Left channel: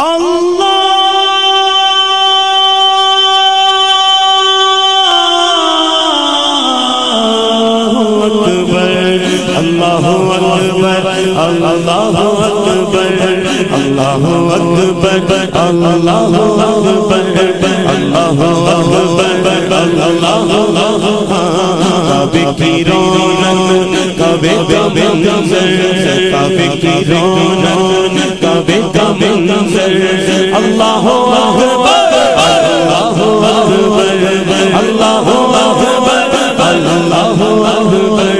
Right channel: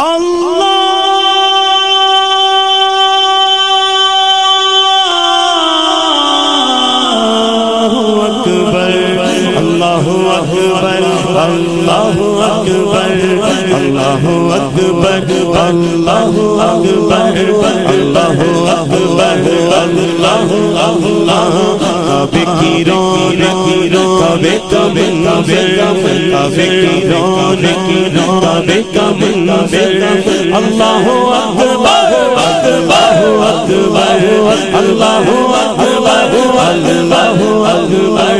اللہ اکبر اللہ اکبر اللہ اکبر اللہ اکبر اللہ اکبر اللہ کعبے کی رونق کعبے کا منظر کعبے کی رونق کعبے کا منظر اللہ اکبر اللہ اکبر اللہ اکبر اللہ اکبر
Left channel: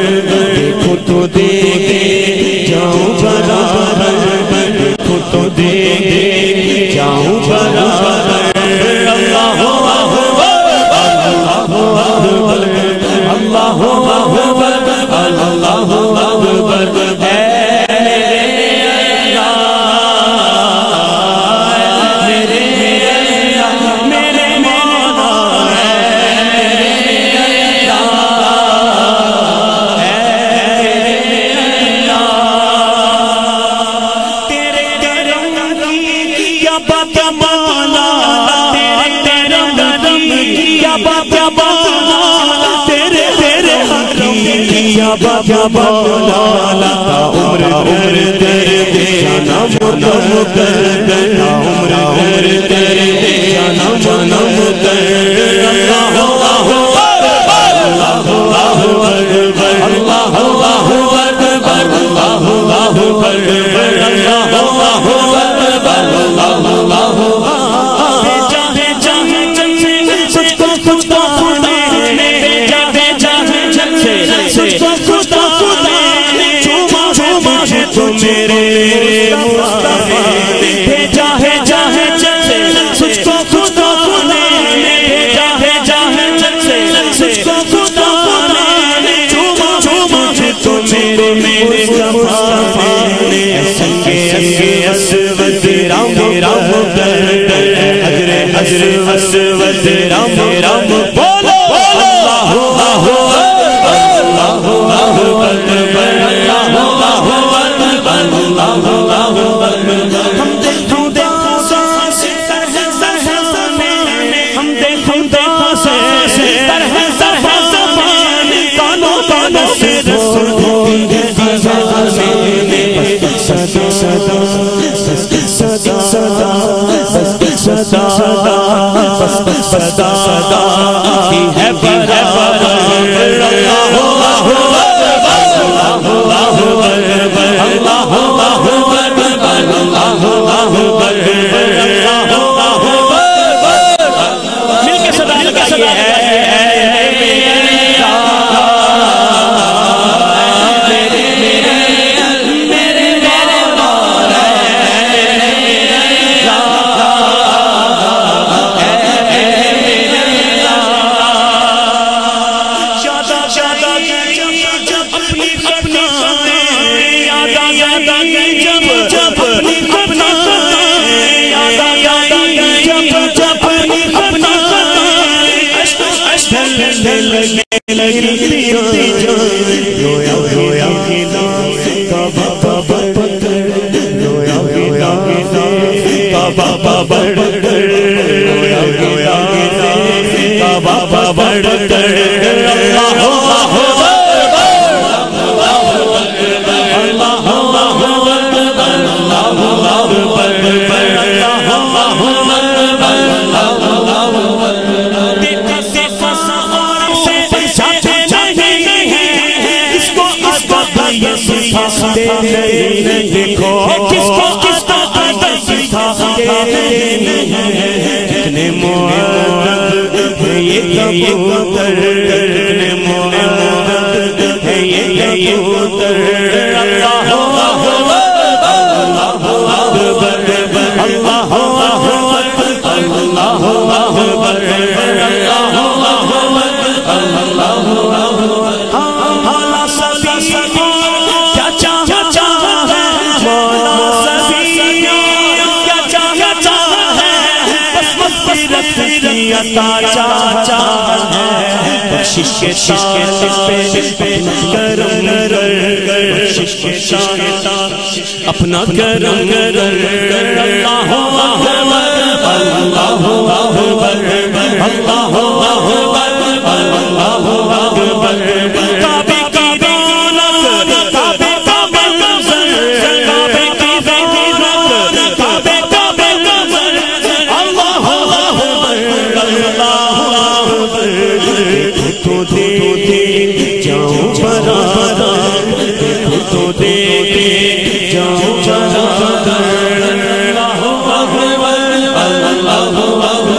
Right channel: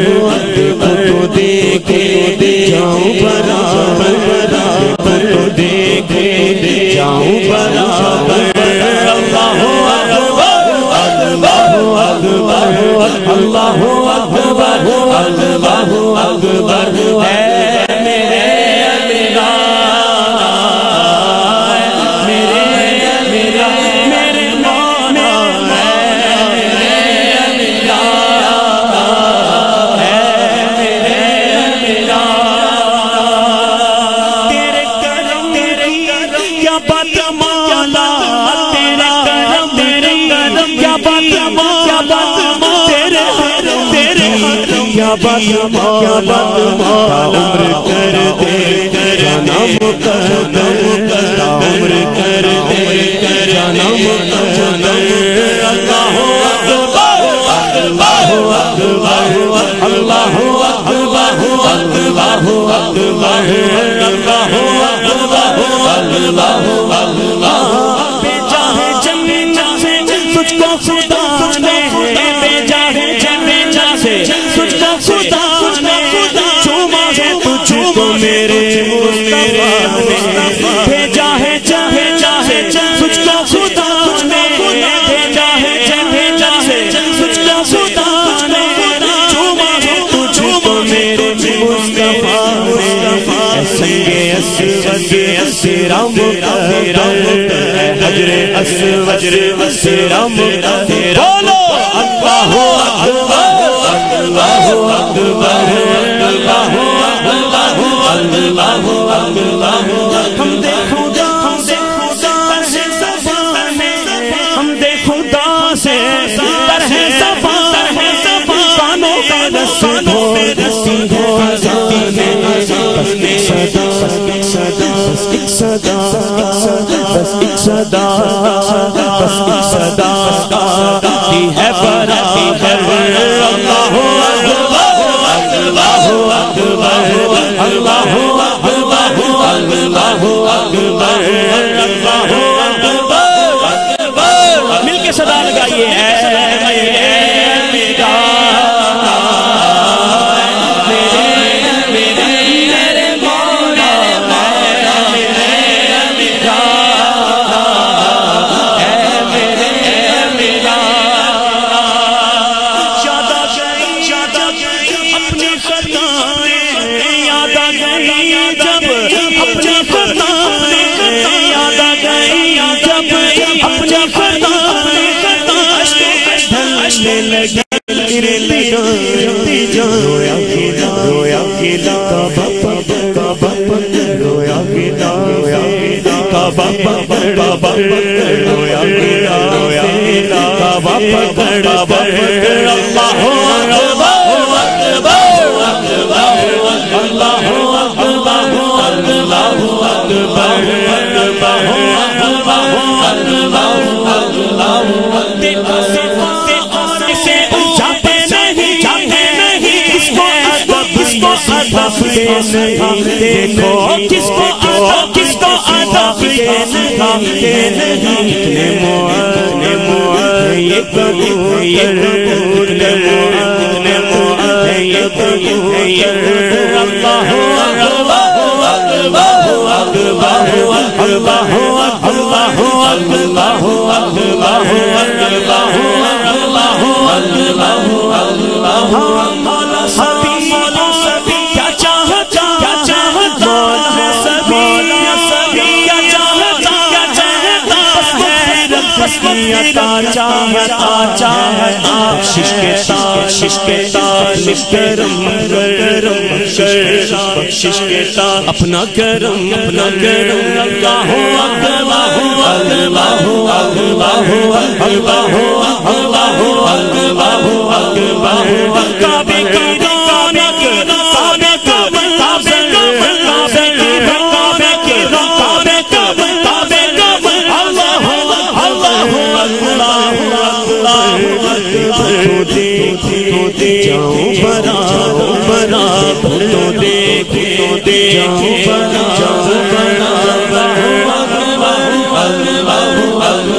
دیکھو تو دیکھے جاؤں برابر دیکھو تو دیکھے جاؤں برابر اللہ اکبر اللہ اکبر اللہ اکبر اللہ اکبر اے میرے اللہ میرے اللہ میرے مولا اے میرے اللہ اے میرے اللہ تیرے کرم کی کیا بات مولا تیرے کرم کی کیا بات مولا تیرے کرم کی کیا بات مولا تا عمر کر دے جانا مقدر تا عمر کر دے جانا مقدر اللہ اکبر اللہ اکبر اللہ اکبر اللہ اکبر اللہ اکبر اللہ بھیجا ہے جنت سے تجھ کو خدا نے بھیجا ہے جنت سے تجھ کو خدا نے چوما ہے تجھ کو میرے مصطفیٰ نے بھیجا ہے جنت سے تجھ کو خدا نے بھیجا ہے جنت سے تجھ کو خدا نے چوما ہے تجھ کو میرے مصطفیٰ نے اے سنگ اسود تیرا مقدر اے حجر اسود تیرا مقدر بولو اللہ اکبر اللہ اکبر اللہ اکبر اللہ اکبر ہم دے خدا سے طرح زبانے ہم دے خدا سے طرح زبانے کانوں کا رس ڈھونڈتی ہے خزانے بس ایک صدا بس ایک صدا بس ایک صدا بس ایک صدا کی ہے برابر اللہ اکبر اللہ اکبر اللہ اکبر اللہ اکبر اللہ اکبر مل کے صدا لگائیے اے رویا گنا کعبہ پکڑ رویا گنا کعبہ پکڑ رویا گنا کعبہ پکڑ کر اللہ اکبر اللہ اکبر اللہ اکبر اللہ اکبر اللہ سکھاتے نہیں دیکھو کس کو ادب سکھاتے نہیں کتنے مؤدب ہیں یہ کبوتر کتنے مؤدب ہیں یہ کبوتر اللہ اکبر اللہ اکبر اللہ اکبر اللہ اکبر اللہ اکبر اللہ اکبر مولا سبھی کیا چاہتا ہے مولا سبھی کیا چاہتا ہے بس مغفرت کی عطا چاہتا ہے بخشش کے طالب پہ اپنا کرم کر بخشش کے طالب اپنا کرم کر اللہ اللہ اکبر اللہ اکبر کعبے کی رونق کعبے کا منظر کعبے کی رونق کعبے کا منظر اللہ اکبر اللہ اکبر دیکھو تو دیکھے جاؤں برابر دیکھو تو دیکھے جاؤں برابر اللہ اکبر اللہ اکبر